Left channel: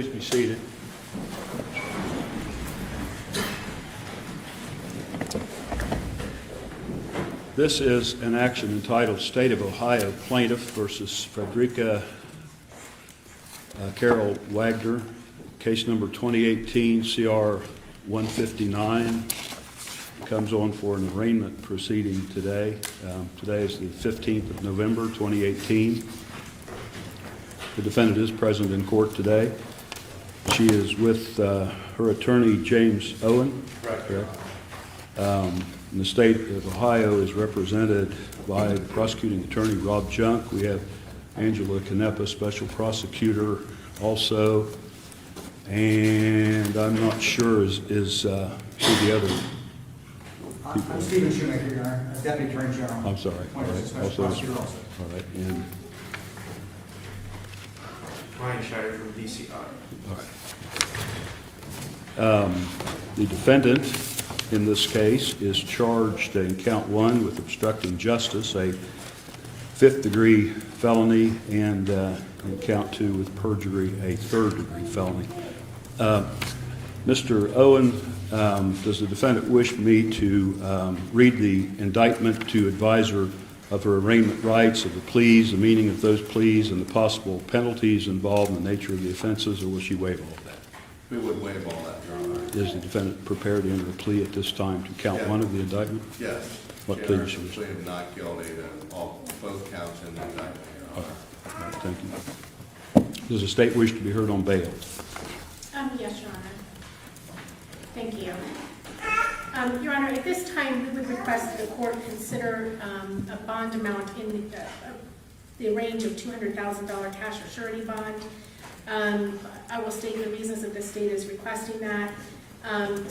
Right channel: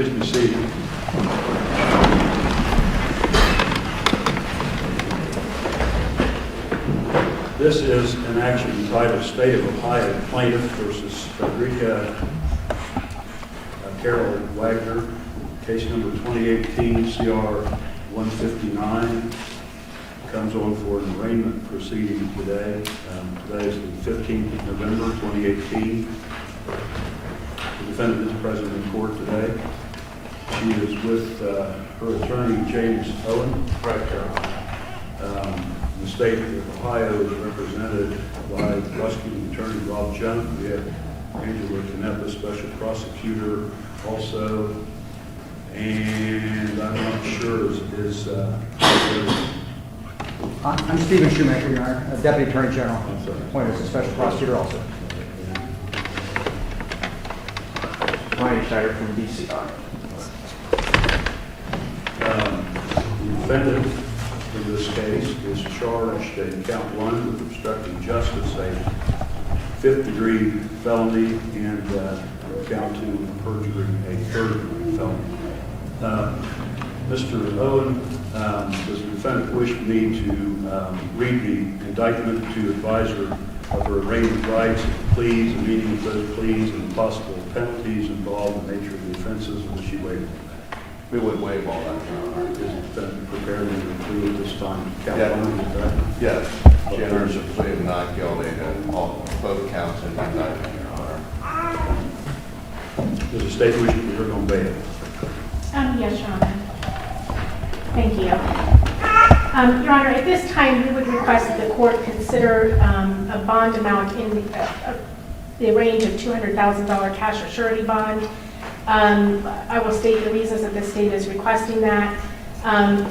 Please be seated. This is an action entitled State of Ohio Plaintiff versus Fredericka Wagner, case number 2018 CR 159. Comes on for an arraignment proceeding today. Today is the 15th of November 2018. The defendant is present in court today. She is with her attorney, James Owen. Right here. The state of Ohio is represented by prosecuting attorney Rob Junk. We have Angela Canepa, special prosecutor, also. And I'm not sure is I'm Stephen Shoemaker, Your Honor, Deputy Attorney General. I'm sorry. Appointed as a special prosecutor also. Ryan Schneider from D.C. The defendant in this case is charged in count 1 with obstructing justice, a 5th-degree felony, and in count 2 with perjury, a 3rd-degree felony. Mr. Owen, does the defendant wish me to read the indictment to advise her of her arraignment rights, of the pleas, the meaning of those pleas, and the possible penalties involved in the nature of the offenses, or will she waive all that? We would waive all that, Your Honor. Is the defendant prepared to enter a plea at this time to count Yeah. 1 of the indictment? Yes. What She enters a pleas? plea of not guilty to both counts in the indictment, Your Honor. Does the state wish to be heard on bail? Yes, Your Honor. Thank you. Your Honor, at this time, we would request that the court consider a bond amount in the range of $200,000 cash or surety bond. I will state the reasons that the state is requesting that.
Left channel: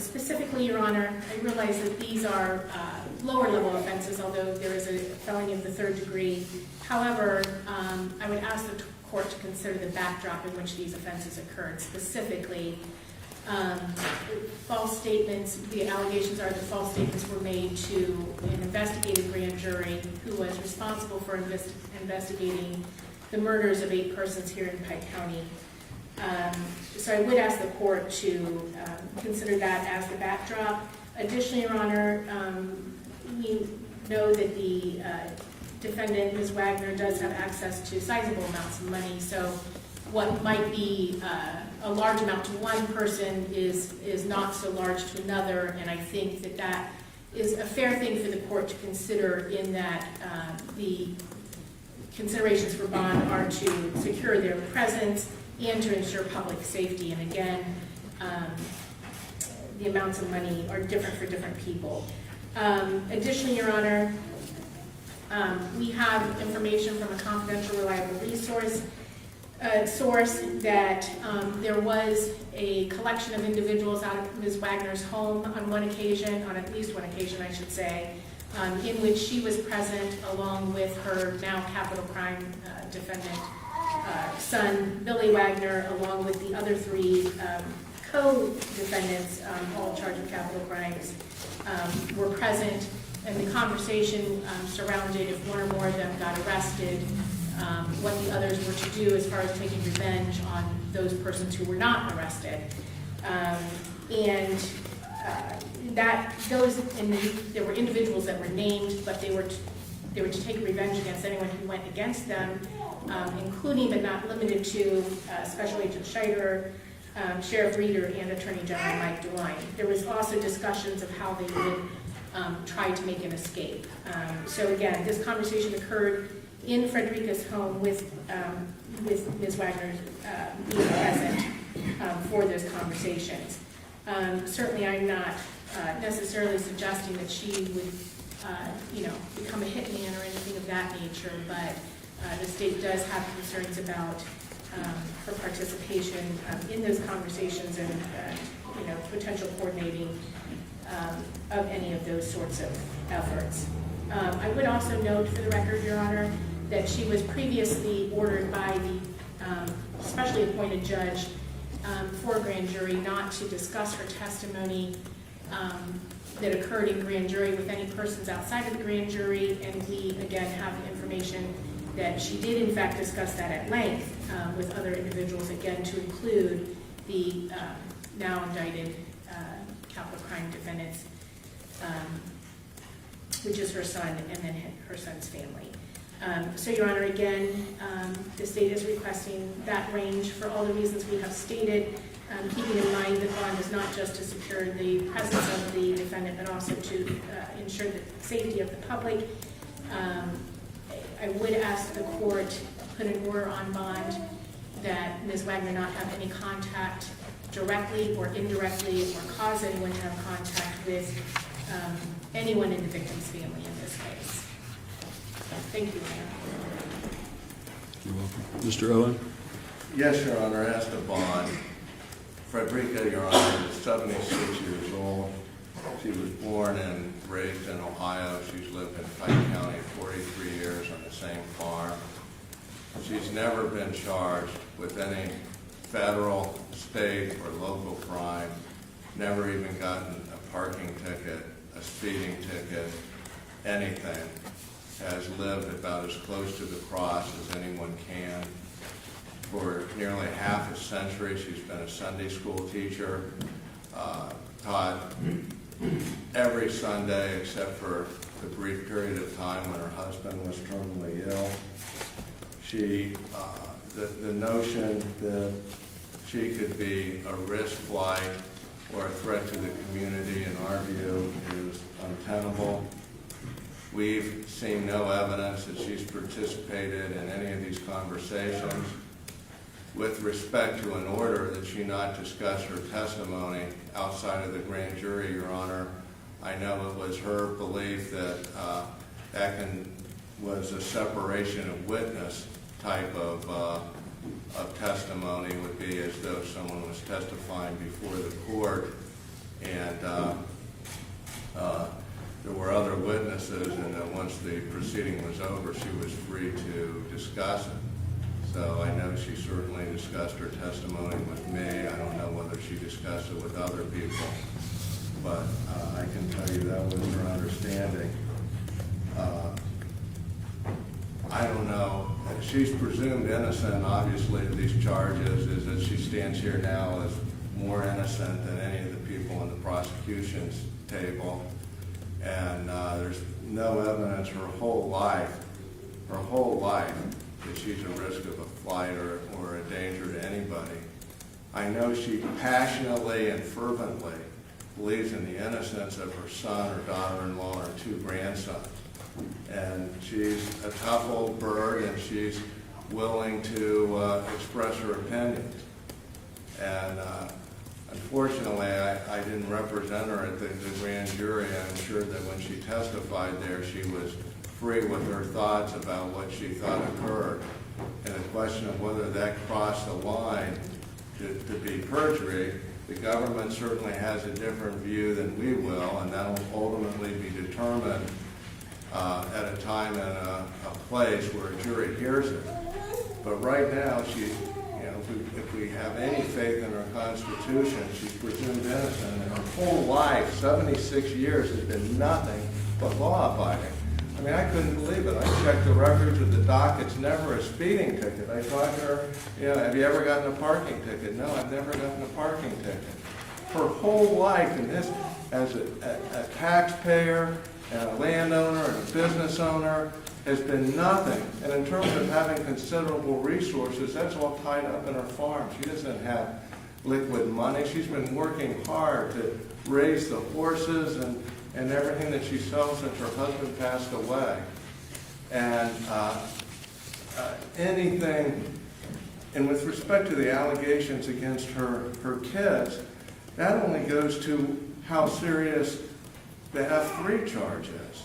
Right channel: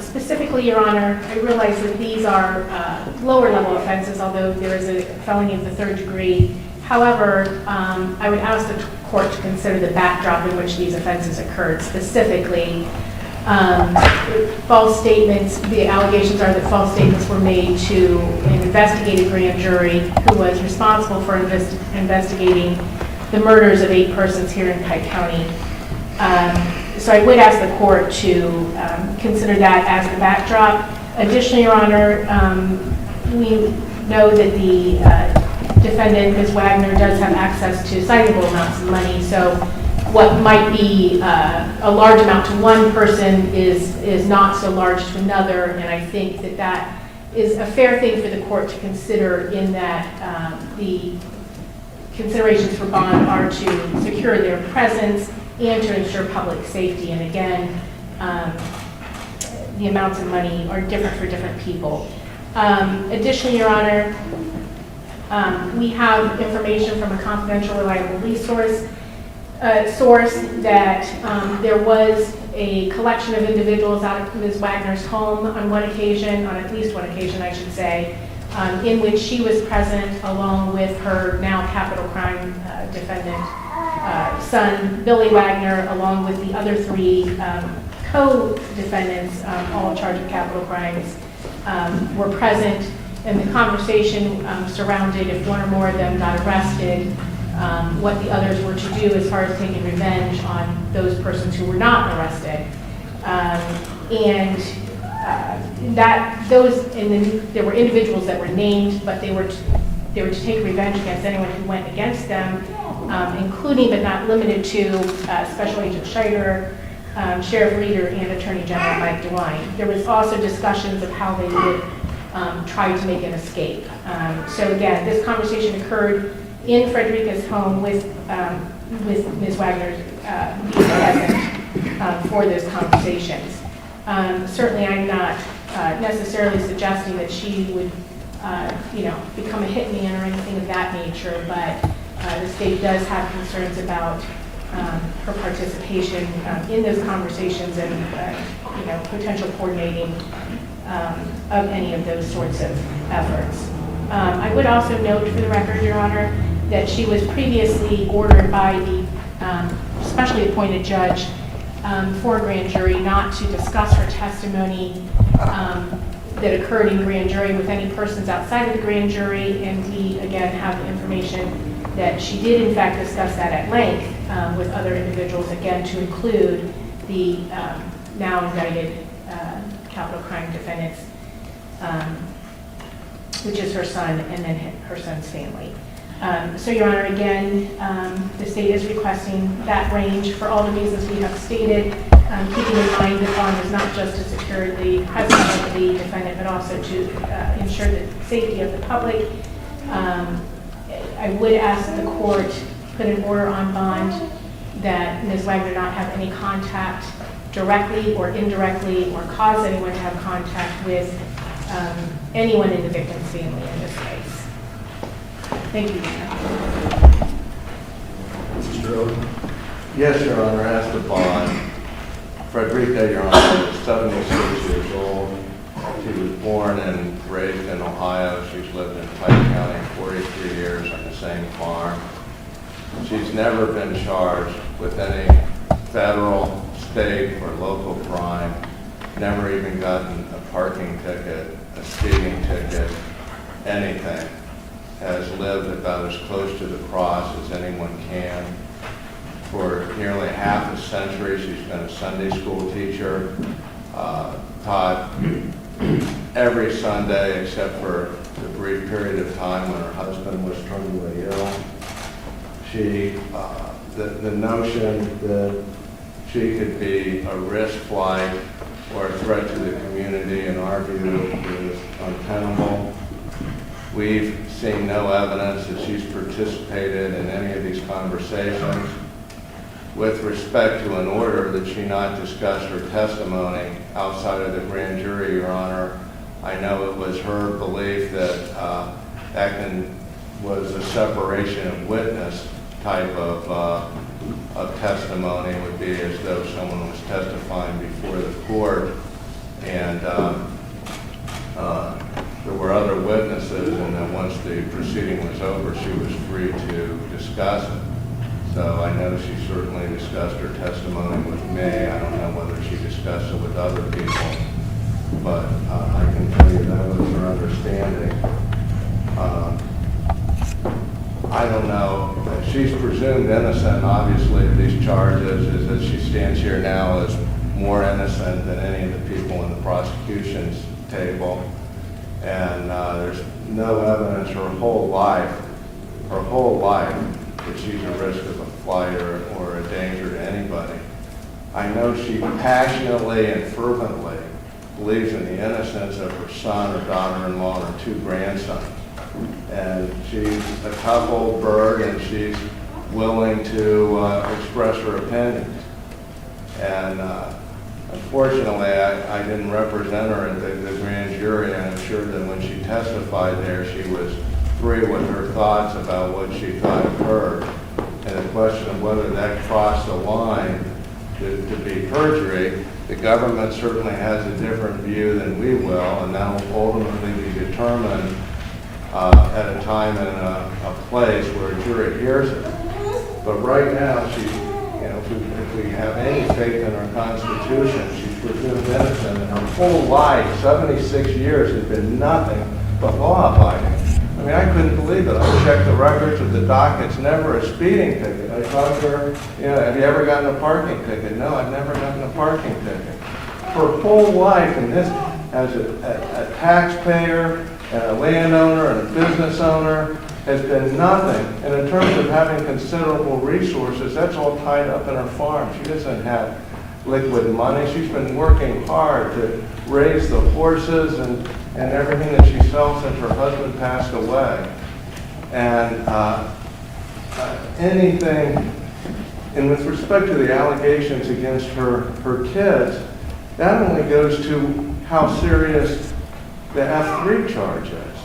Specifically, Your Honor, I realize that these are lower level offenses, although there is a felony of the 3rd degree. However, I would ask the court to consider the backdrop in which these offenses occurred. Specifically, false statements, the allegations are that false statements were made to an investigative grand jury who was responsible for investigating the murders of 8 persons here in Pike County. So I would ask the court to consider that as the backdrop. Additionally, Your Honor, we know that the defendant, Ms. Wagner, does have access to sizable amounts of money. So what might be a large amount to one person is not so large to another. And I think that that is a fair thing for the court to consider, in that the considerations for bond are to secure their presence and to ensure public safety. And again, the amounts of money are different for different people. Additionally, Your Honor, we have information from a confidential, reliable resource source that there was a collection of individuals out of Ms. Wagner's home on at least one occasion, I should say, in which she was present along with her now capital crime defendant son, Billy Wagner, along with the other 3 co-defendants, all charged with capital crimes, were present. And the conversation surrounded if one or more of them got arrested, what the others were to do as far as taking revenge on those persons who were not arrested. There were individuals that were named, but they were to take revenge against anyone who went against them, including but not limited to Special Agent Scheider, Sheriff Reeder, and Attorney General Mike DeWine. There was also discussions of how they would try to make an escape. So again, this conversation occurred in Fredericka's home with Ms. Wagner present for those conversations. Certainly, I'm not necessarily suggesting that she would, become a hitman or anything of that nature, but the state does have concerns about her participation in those conversations and, potential coordinating of any of those sorts of efforts. I would also note for the record, Your Honor, that she was previously ordered by the specially appointed judge for a grand jury not to discuss her testimony that occurred in grand jury with any persons outside of the grand jury, and we again have information that she did in fact discuss that at length with other individuals, again, to include the now indicted capital crime defendants, which is her son and then her son's family. So, Your Honor, again, the state is requesting that range for all the reasons we have stated, keeping in mind the bond is not just to secure the presence of the defendant, but also to ensure the safety of the public. I would ask that the court put an order on bond that Ms. Wagner not have any contact directly or indirectly or cause anyone to have contact with anyone in the victim's family in this case. Thank you, Your Honor. Mr. Rhoden? Yes, Your Honor, as to bond, Fredericka, Your Honor, is 76 years old. She was born and raised in Ohio. She's lived in Pike County 43 years on the same farm. She's never been charged with any federal, state, or local crime, never even gotten a parking ticket, a speeding ticket, anything. Has lived about as close to the cross as anyone can. For nearly half a century, she's been a Sunday school teacher, taught every Sunday except for the brief period of time when her husband was terminally ill. She, the notion that she could be a risk flight or a threat to the community, in our view, is untenable. We've seen no evidence that she's participated in any of these conversations. With respect to an order that she not discuss her testimony outside of the grand jury, Your Honor, I know it was her belief that was a separation of witness type of testimony. It would be as though someone was testifying before the court, and there were other witnesses, and then once the proceeding was over, she was free to discuss it. So I know she certainly discussed her testimony with me. I don't know whether she discussed it with other people, but I can tell you that was her understanding. I don't know. She's presumed innocent, obviously, of these charges, is that she stands here now as more innocent than any of the people in the prosecution's table. And there's no evidence her whole life, that she's a risk of a flight or a danger to anybody. I know she passionately and fervently believes in the innocence of her son, her daughter-in-law, and her two grandsons. And she's a couple bird, and she's willing to express her opinions. And unfortunately, I didn't represent her at the grand jury, and I'm sure that when she testified there, she was free with her thoughts about what she thought occurred. And the question of whether that crossed the line to be perjury, the government certainly has a different view than we will, and that will ultimately be determined at a time and a place where a jury hears it. But right now, she's, if we have any faith in our Constitution, she's presumed innocent, and her whole life, 76 years, has been nothing but law-abiding. I mean, I couldn't believe it. I checked the records of the dockets, never a speeding ticket. I talked to her, have you ever gotten a parking ticket? No, I've never gotten a parking ticket. Her whole life, and this as a taxpayer, and a landowner, and a business owner, has been nothing. And in terms of having considerable resources, that's all tied up in her farm. She doesn't have liquid money. She's been working hard to raise the horses and everything that she sells since her husband passed away. And anything, and with respect to the allegations against her kids, that only goes to how serious the F3 charge is.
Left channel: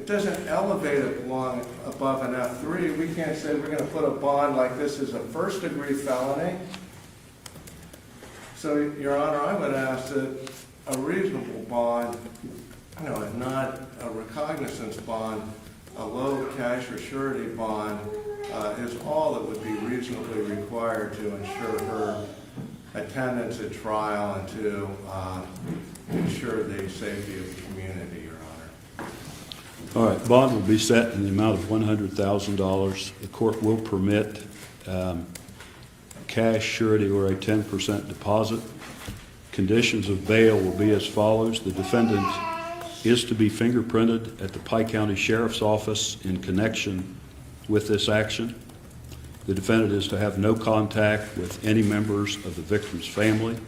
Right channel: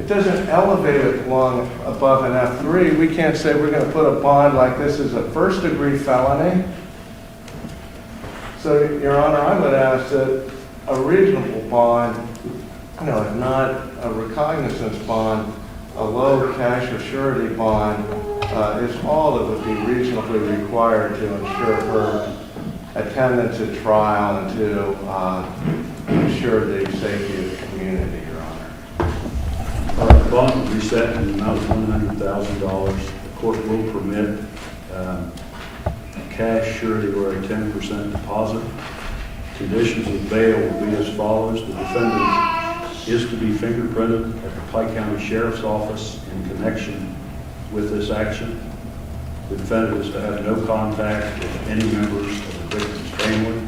It doesn't elevate it long above an F3. We can't say we're going to put a bond like this as a first-degree felony. So, Your Honor, I would ask that a reasonable bond, if not a recognizance bond, a low cash or surety bond is all that would be reasonably required to ensure her attendance at trial and to ensure the safety of the community, Your Honor. All right, the bond will be set in the amount of $100,000. The court will permit a cash surety or a 10% deposit. Conditions of bail will be as follows. The defendant is to be fingerprinted at the Pike County Sheriff's Office in connection with this action. The defendant is to have no contact with any members of the victim's family.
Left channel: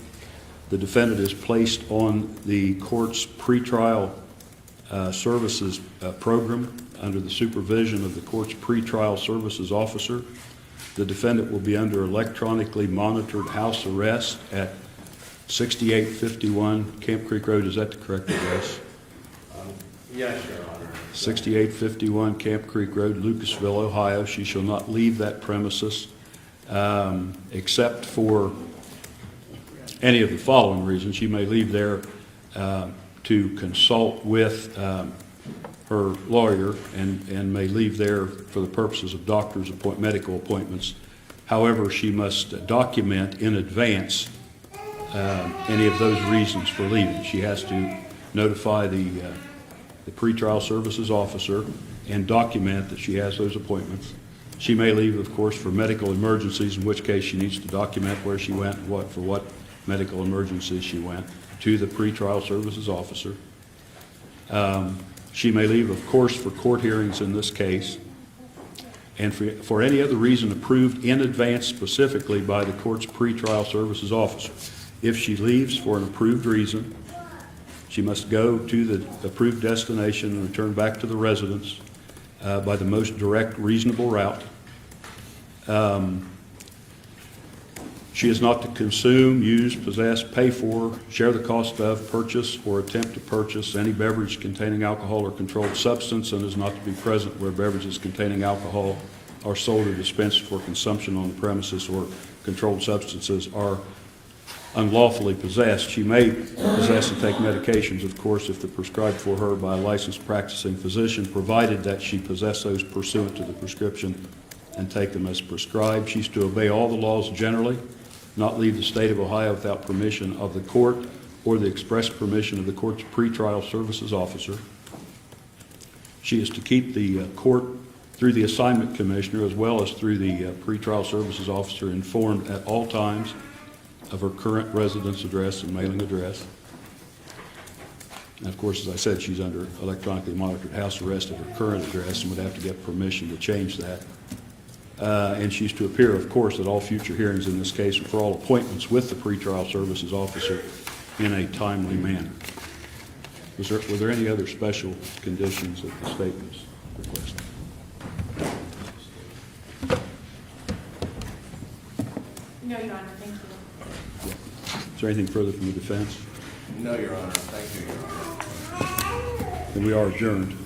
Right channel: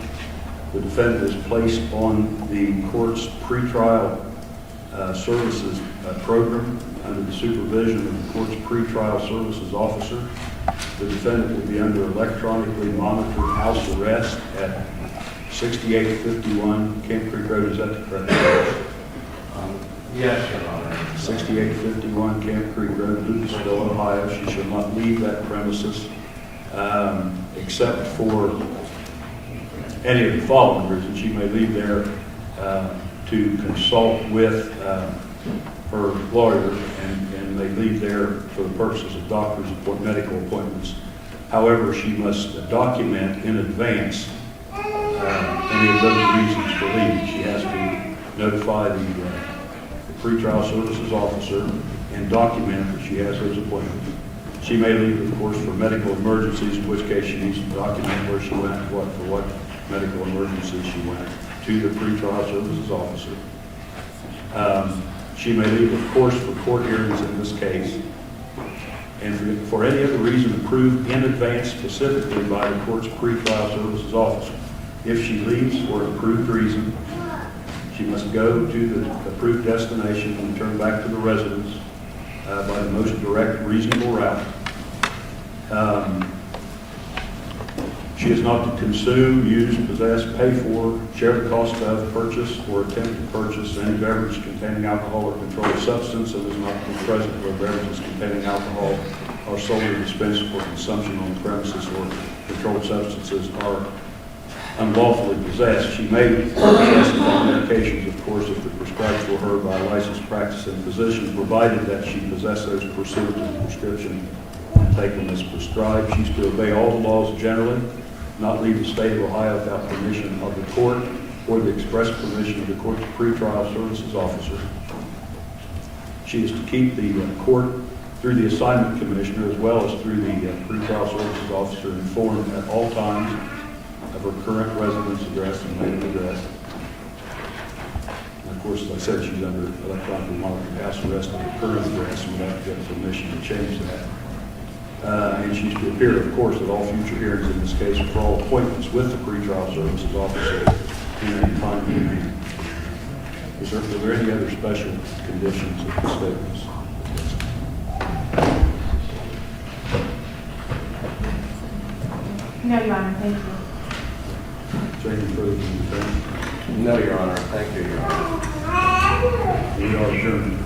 The defendant is placed on the court's pretrial services program under the supervision of the court's pretrial services officer. The defendant will be under electronically monitored house arrest at 6851 Camp Creek Road. Is that the correct address? Yes, Your Honor. 6851 Camp Creek Road, Lucasville, Ohio. She shall not leave that premises except for any of the following reasons. She may leave there to consult with her lawyer and may leave there for the purposes of doctor's medical appointments. However, she must document in advance any of those reasons for leaving. She has to notify the pretrial services officer and document that she has those appointments. She may leave, of course, for medical emergencies, in which case she needs to document where she went, for what medical emergencies she went, to the pretrial services officer. She may leave, of course, for court hearings in this case, and for any other reason approved in advance specifically by the court's pretrial services officer. If she leaves for an approved reason, she must go to the approved destination and return back to the residence by the most direct, reasonable route. She is not to consume, use, possess, pay for, share the cost of, purchase, or attempt to purchase any beverage containing alcohol or controlled substance, and is not to be present where beverages containing alcohol are sold or dispensed for consumption on the premises, or controlled substances are unlawfully possessed. She may possess and take medications, of course, if they're prescribed for her by a licensed practicing physician, provided that she possess those pursuant to the prescription and take them as prescribed. She's to obey all the laws generally, not leave the state of Ohio without permission of the court or the express permission of the court's pretrial services officer. She is to keep the court, through the assignment commissioner as well as through the pretrial services officer, informed at all times of her current residence address and mailing address. And of course, as I said, she's under electronically monitored house arrest at her current address, so we have to get permission to change that. And she's to appear, of course, at all future hearings in this case for all appointments with the pretrial services officer in a timely manner. Were there any other special conditions of the statements? No, Your Honor, thank you. Is there anything further from the defense? No, Your Honor. Thank you, Your Honor. We are adjourned.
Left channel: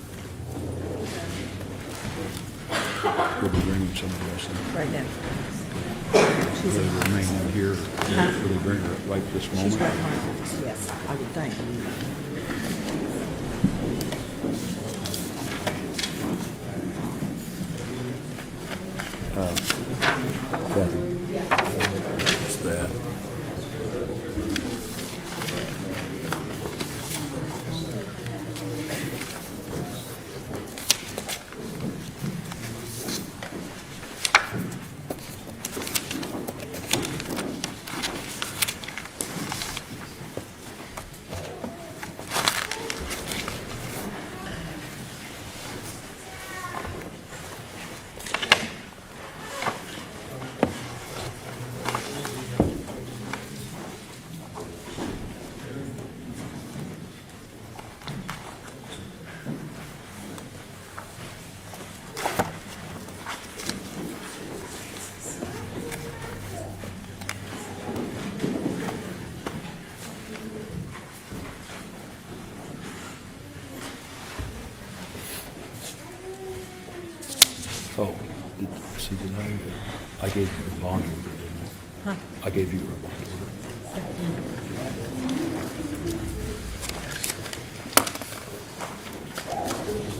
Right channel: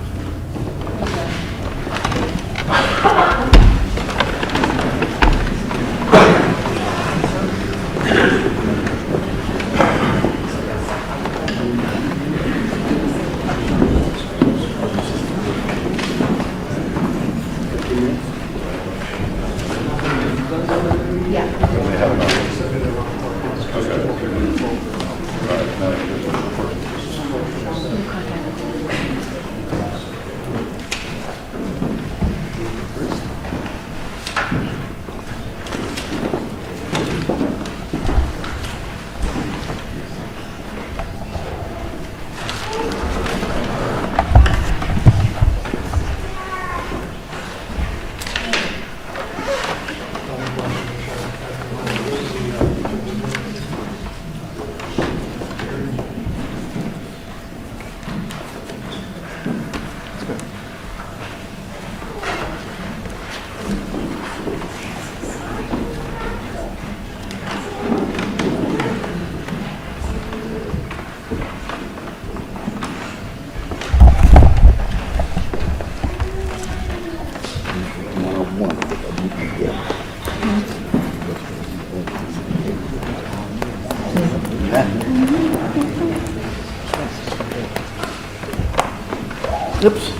Oops.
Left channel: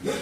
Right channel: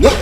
Yep.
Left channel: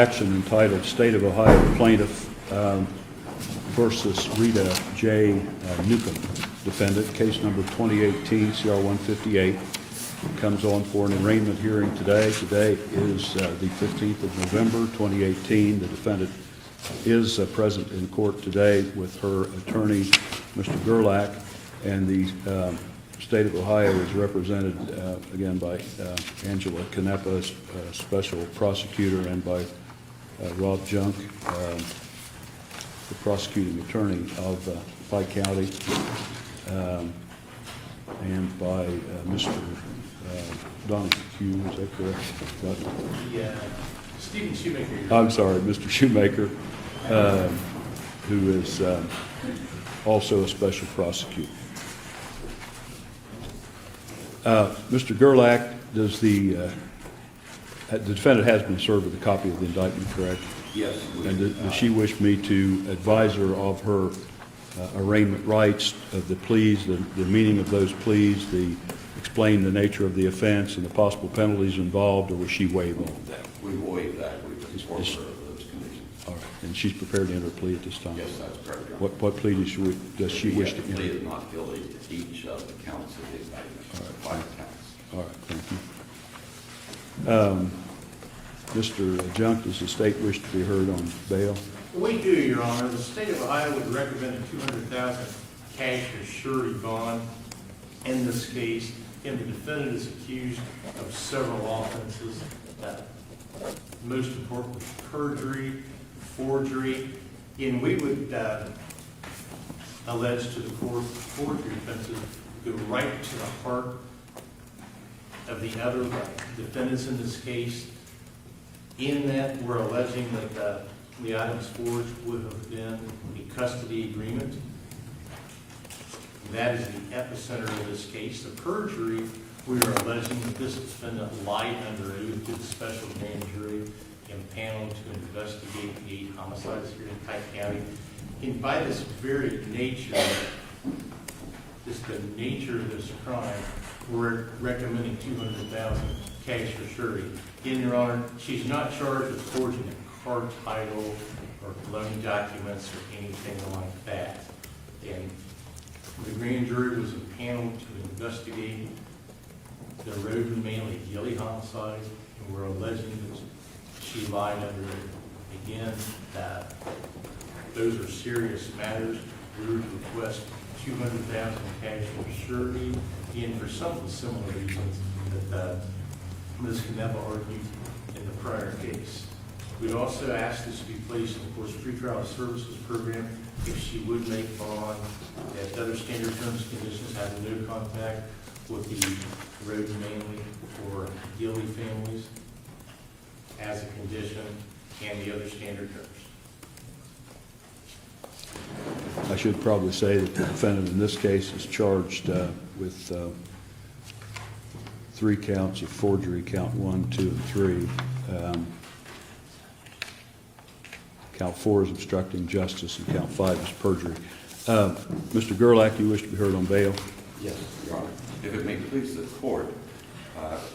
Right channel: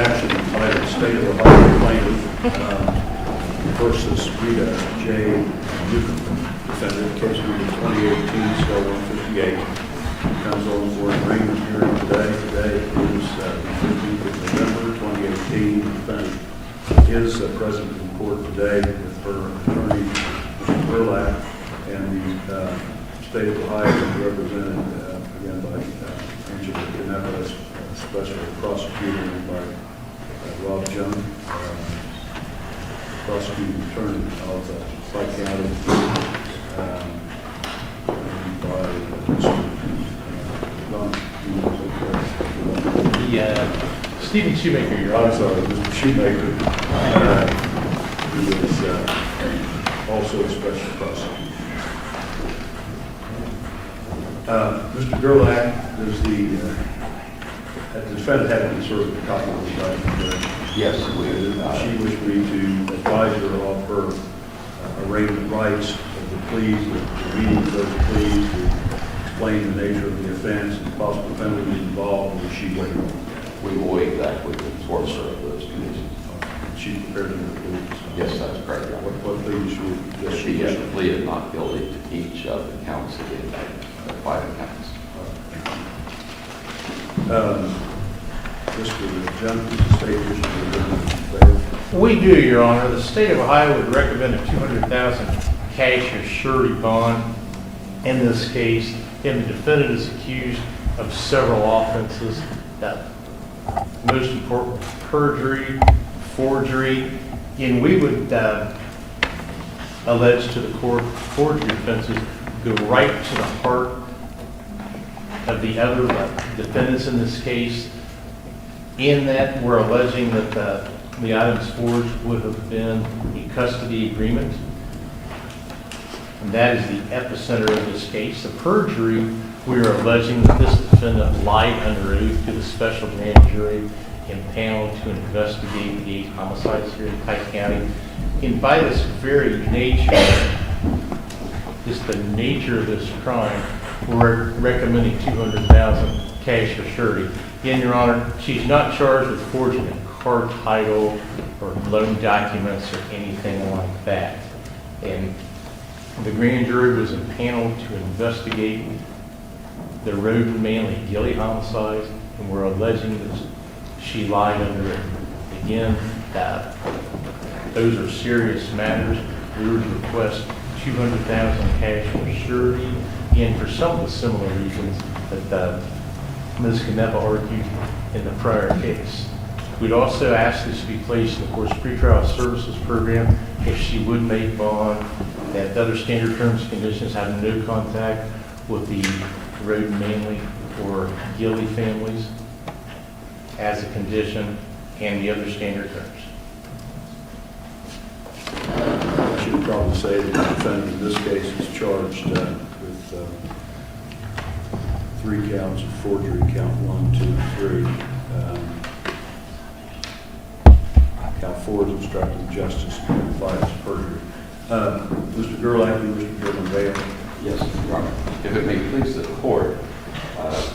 action entitled State of Ohio Plaintiff versus Rita Newcomb, defendant, case number 2018-CL158, comes on for an arraignment hearing today. Today is the 15th of November, 2018. The defendant is present in court today with her attorney, Mr. Gerlach, and the State of Ohio is represented again by Angela Canepa, special prosecutor, and by Rob Junk, the prosecuting attorney of Pike County, and by Mr. Stephen Shoemaker, Your I'm Honor. sorry, Mr. Shoemaker, who is also a special prosecutor. Mr. Gerlach, does the defendant had been served with a copy of the indictment, correct? Yes, She wished me to advise her of her arraignment rights, of the pleas, the meaning of those pleas, to explain the nature of the offense and the possible penalties involved, or she waived them? We will waive that with the enforcer of those conditions. And she's prepared to plea at this time? Yes, that's correct, Your Honor. What pleas does she She wish has to pleaded not guilty to each of the counts of the indictment, 5 counts. All right, thank you. Mr. Junk, does the state wish to be heard on bail? We do, Your Honor. The state of Ohio would recommend a $200,000 cash or surety bond in this case, and the defendant is accused of several offenses. Most important, perjury, forgery, and we would allege to the court forgery offenses go right to the heart of the other defendants in this case, in that we're alleging that the items forged would have been a custody agreement. And that is the epicenter of this case. The perjury, we are alleging that this defendant lied under oath to the special grand jury and panel to investigate the 8 homicides here in Pike County. And by this very nature, just the nature of this crime, we're recommending $200,000 cash or surety. Again, Your Honor, she's not charged with forging a car title or loan documents or anything like that. And the grand jury was impaneled to investigate the Rhoden Manley Gilly homicides, and we're alleging that she lied under it. Again, those are serious matters. We would request $200,000 cash or surety, and for some of the similar reasons that Ms. Canepa argued in the prior case. We'd also ask this to be placed in the court's pretrial services program if she would make bond at other standard terms and conditions, having no contact with the Rhoden Manley or Gilly families as a condition, and the other standard terms. I should probably say that the defendant in this case is charged with 3 counts of forgery, count 1, 2, and 3. Count 4 is obstructing justice, and count 5 is perjury. Mr. Gerlach, you wish to be heard on bail? Yes, Your Honor. If it may please the court,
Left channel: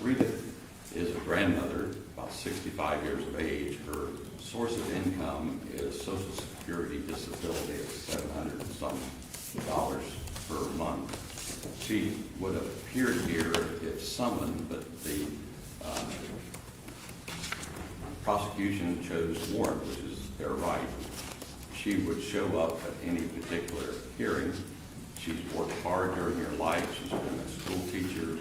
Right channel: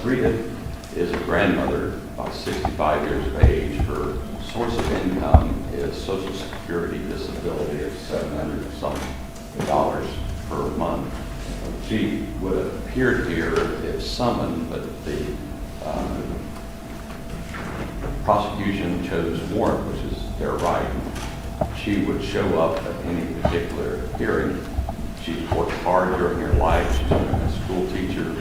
Rita is a grandmother, about 65 years of age. Her source of income is Social Security disability of $700-some per month. She would have appeared here if summoned, but the prosecution chose warrant, which is their right. She would show up at any particular hearing. She's worked hard during her life. She's been a school teacher.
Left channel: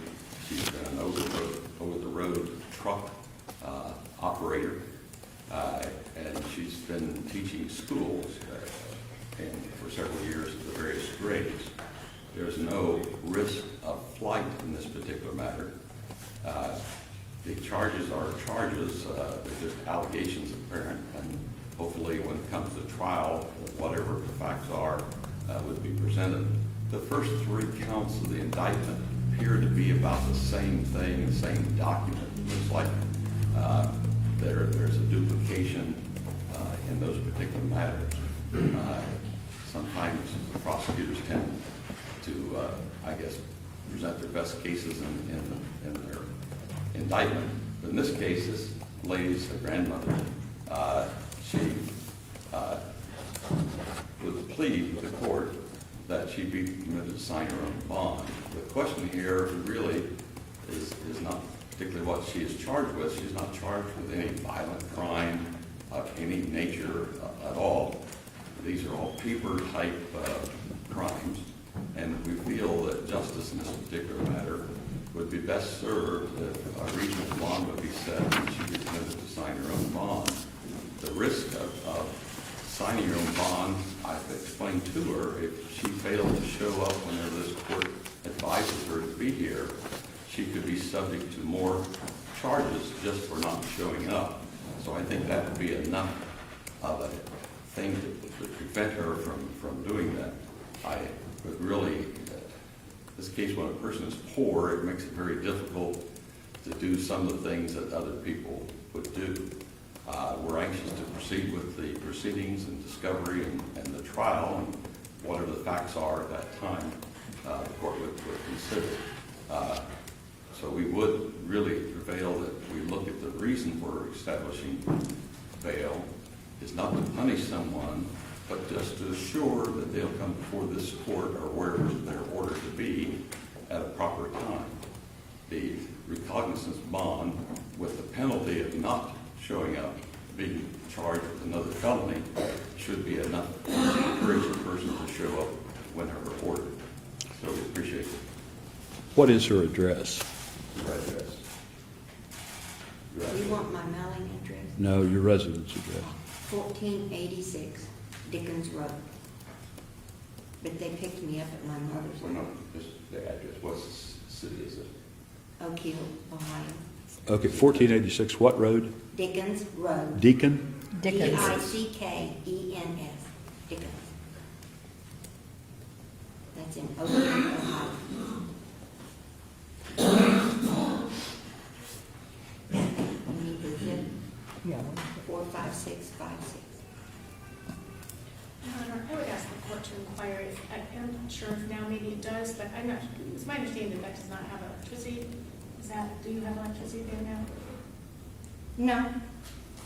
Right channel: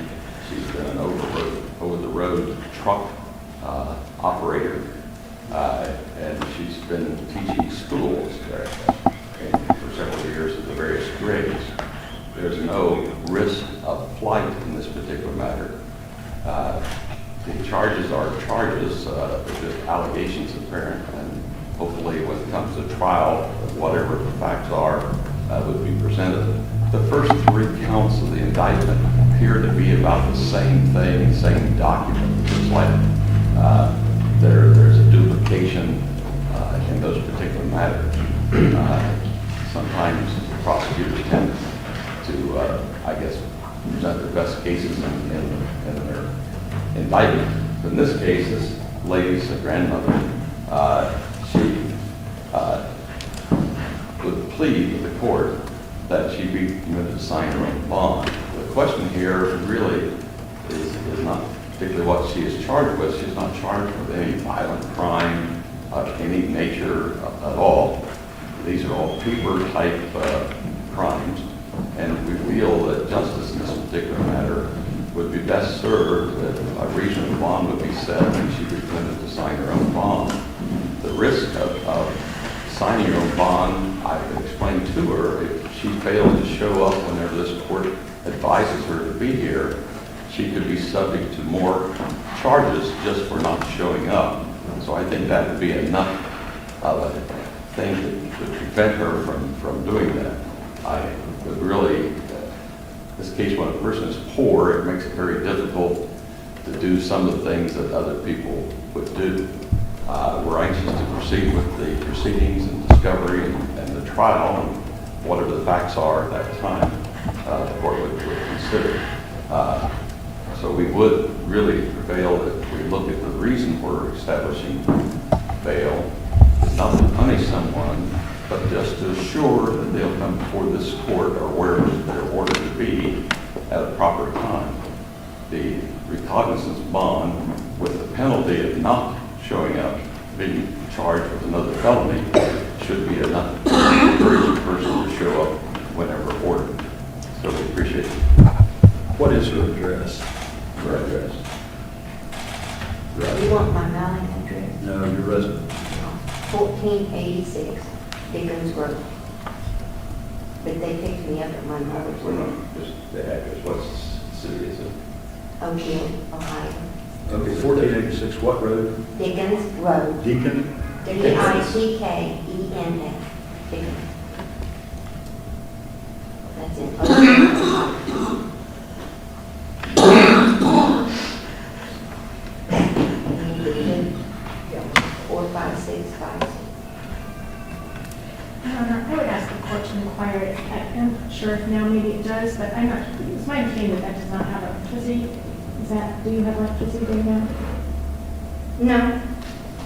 She's been an over-the-road truck operator, and she's been teaching schools for several years at the various grades. There's no risk of flight in this particular matter. The charges are charges, the allegations apparent, and hopefully when it comes to trial, whatever the facts are, would be presented. The first 3 counts of the indictment appear to be about the same thing, same document. It's like there's a duplication in those particular matters. Sometimes prosecutors tend to, I guess, present their best cases in their indictment. In this case, this lady's a grandmother, She would plead with the court that she be permitted to sign her own bond. The question here really is not particularly what she is charged with. She's not charged with any violent crime of any nature at all. These are all paper-type crimes, and we feel that justice in this particular matter would be best served if a reasonable bond would be set and she be permitted to sign her own bond. The risk of signing her own bond, I've explained to her, if she failed to show up whenever this court advises her to be here, she could be subject to more charges just for not showing up. So I think that would be enough of a thing to prevent her from doing that. I would really, this case, when a person is poor, it makes it very difficult to do some of the things that other people would do. We're anxious to proceed with the proceedings and discovery and the trial, and whatever the facts are at that time, the court would consider. So we would really prevail that we look at the reason for establishing bail. It's not to punish someone, but just to assure that they'll come before this court or wherever they're ordered to be at a proper time. The recognizance bond with the penalty of not showing up, being charged with another felony, should be enough to encourage the person to show up whenever ordered. So we appreciate it. What is her address? Her address. You want my mailing address? No, your residence. 1486 Dickens Road. But they picked me up at my mother's room, Just the address. What city is it? Oak Hill, Ohio. Okay, 1486, what road? Dickens Road. Deacon? Dickens. Dickens. That's in Oak Hill, Ohio. 45656. I would ask the court to inquire. I'm not sure if now maybe it does, but I'm not, it's my understanding that does not have electricity. Do you have electricity there now? No.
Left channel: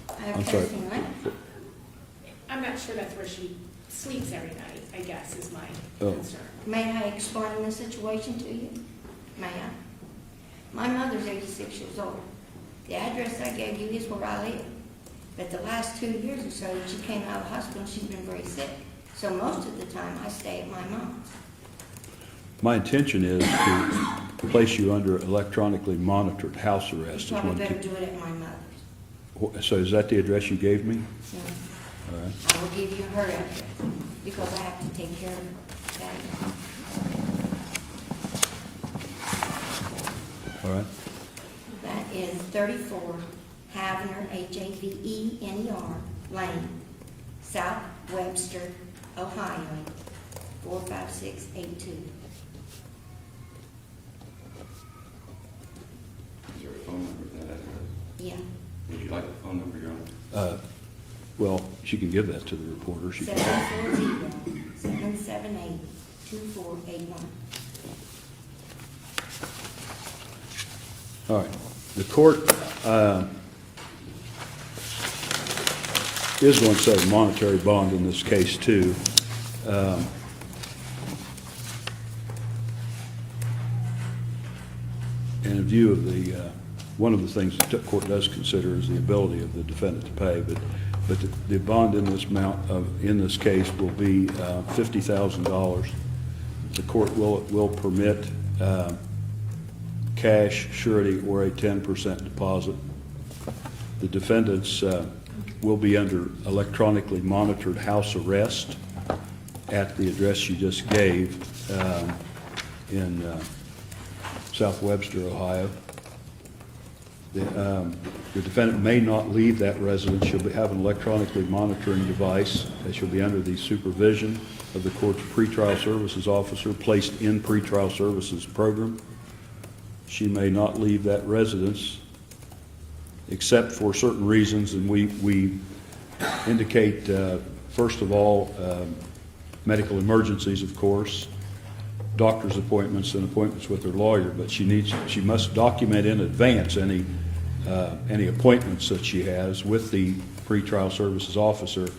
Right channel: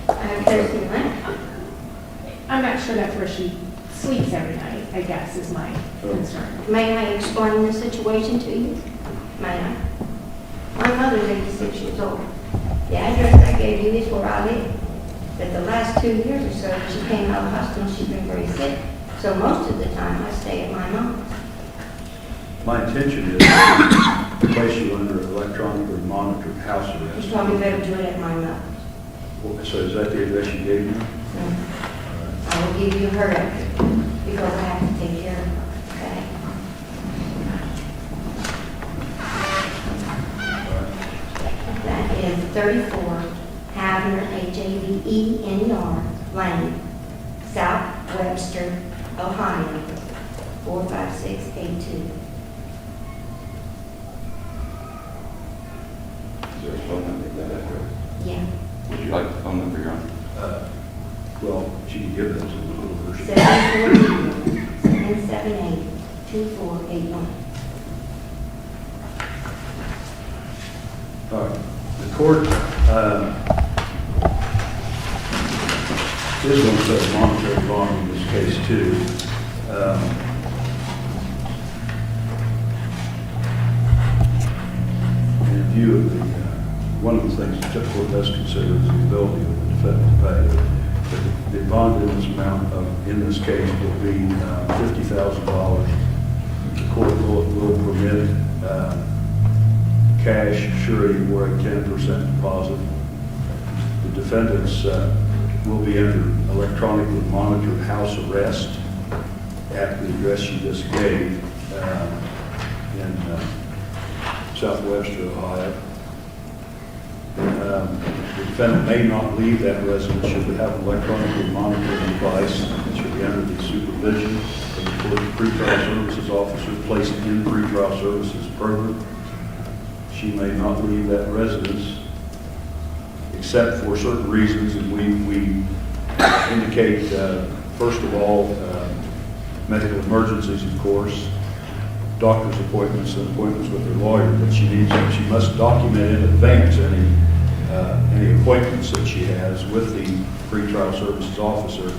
I have testing lamp. I'm not sure that's where she sleeps every night, I guess, is my concern. May I explain the situation to you? May I? My mother's 86 years old. The address I gave you is where I live. But the last 2 years or so, she came out of the hospital, she's been very sick. So most of the time, I stay at my mom's. My intention is to place you under electronically monitored house arrest. You probably better do it at my mom's. So is that the address you gave me? I will give you her address because I have to take care of her. Okay? All right. That is 34 Havner, Havener Lane, South Webster, Ohio, 45682. Is there a phone number for that address? Yeah. Would you like the phone number, Your Honor? Well, she can give that to the recorder. 740-778-2481. All right. The court is going to set a monetary bond in this case, too. And in view of the, one of the things that the court does consider is the ability of the defendant to pay. But the bond in this amount in this case will be $50,000. The court will permit cash, surety, or a 10% deposit. The defendants will be under electronically monitored house arrest at the address you just gave in South Webster, Ohio. The defendant may not leave that residence should they have an electronically monitoring device that should be under the supervision of the court pretrial services officer placed in pretrial services program. She may not leave that residence except for certain reasons, and we indicate, first of all, medical emergencies, of course, doctor's appointments and appointments with her lawyer that she must document in advance any any appointments that she has with the pretrial services officer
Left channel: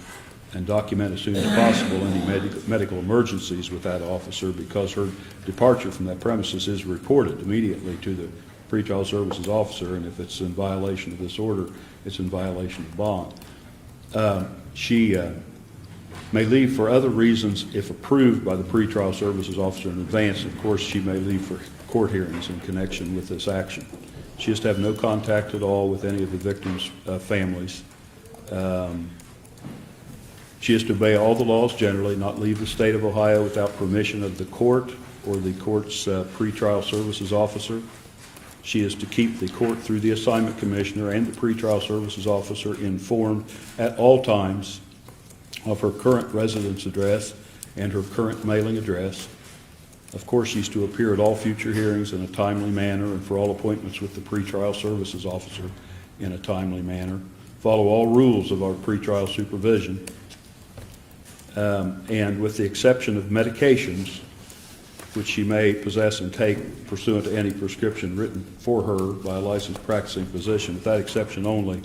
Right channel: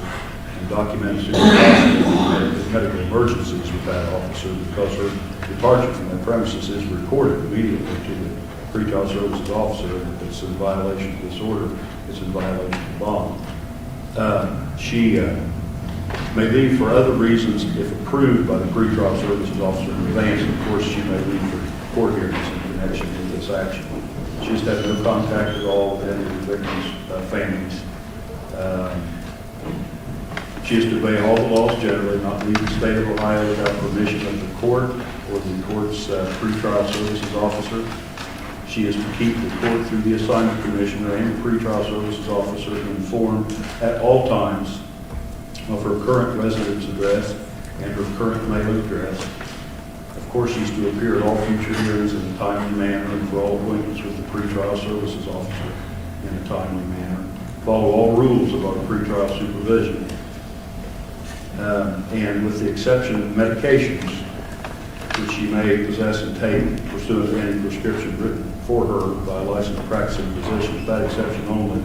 and document as soon as possible medical emergencies with that officer, because her departure from that premises is reported immediately to the pretrial services officer. If it's in violation of this order, it's in violation of bond. She may leave for other reasons if approved by the pretrial services officer in advance. Of course, she may leave for court hearings in connection with this action. She has had no contact at all with any of the victims' families. She is to obey all the laws generally, not leave the state of Ohio without permission of the court or the court's pretrial services officer. She is to keep the court through the assignment commissioner and the pretrial services officer informed at all times of her current residence address and her current mailing address. Of course, she's to appear at all future hearings in a timely manner and for all appointments with the pretrial services officer in a timely manner. Follow all rules of our pretrial supervision. And with the exception of medications, which she may possess and take pursuant to any prescription written for her by a licensed practicing physician, with that exception only,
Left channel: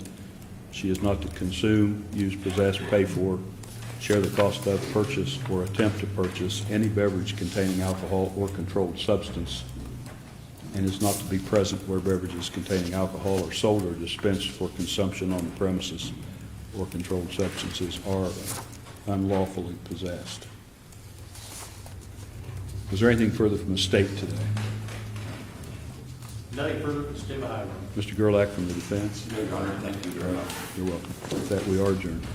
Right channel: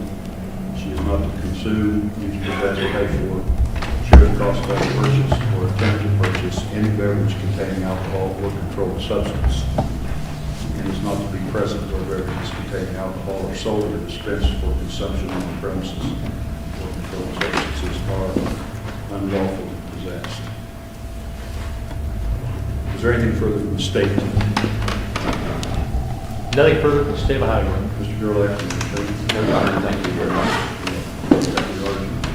she is not to consume, use, possess, pay for, share the cost of purchase, or attempt to purchase any beverage containing alcohol or controlled substance, and is not to be present where beverages containing alcohol are sold or dispensed for consumption on the premises, or controlled substances are unlawfully possessed. Is there anything further from the state? Nothing further from the state of Ohio. Mr. Gerlach, anything? No, Your Honor, thank you very much. The argument.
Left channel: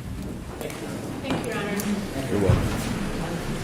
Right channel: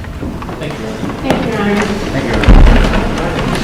Thank you. Thank you, Your Honor. Thank you.